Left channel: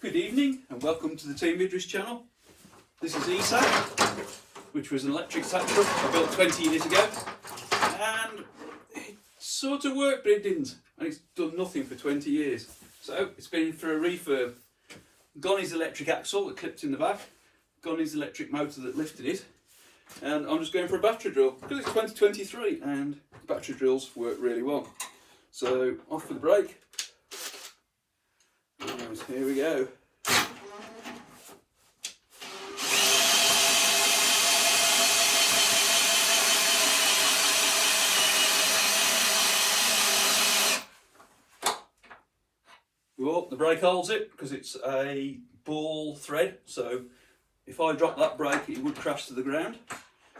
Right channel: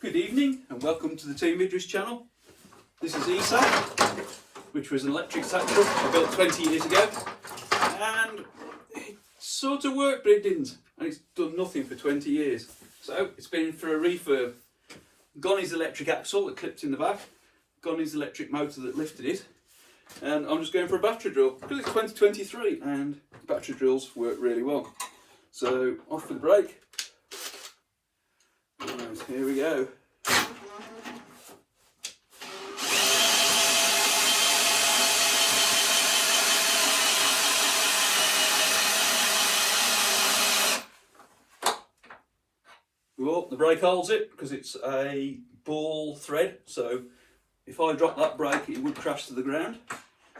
Good evening and welcome to the Team Idris channel. This is Esack, which was an electric sack truck I built 20 years ago, and it sort of worked but it didn't, and it's done nothing for 20 years. So it's been for a refurb. Gone his electric axle that clipped in the back, gone his electric motor that lifted it, and I'm just going for a battery drill because it's 2023 and battery drills work really well. So off for the brake. And here we go. Well, the brake holds it because it's a ball thread, so if I drop that brake it would crash to the ground.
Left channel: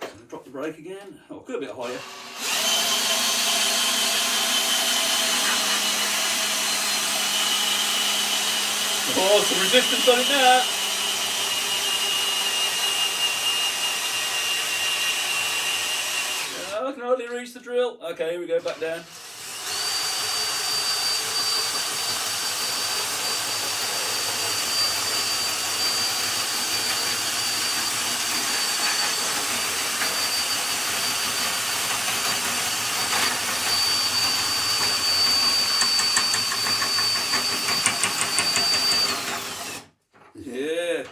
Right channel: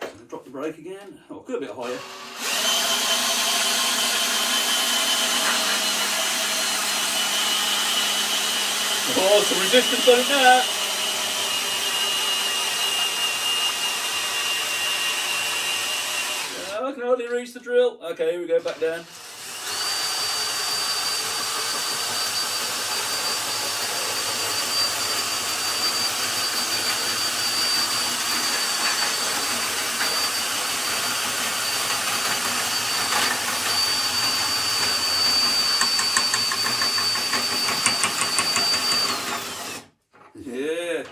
So drop the brake again. Oh, go a bit higher. Oh, some resistance on it now. I can hardly reach the drill. Okay, here we go, back down. Yeah.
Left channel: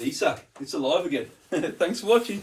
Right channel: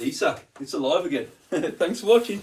Esack, it's alive again. Thanks for watching.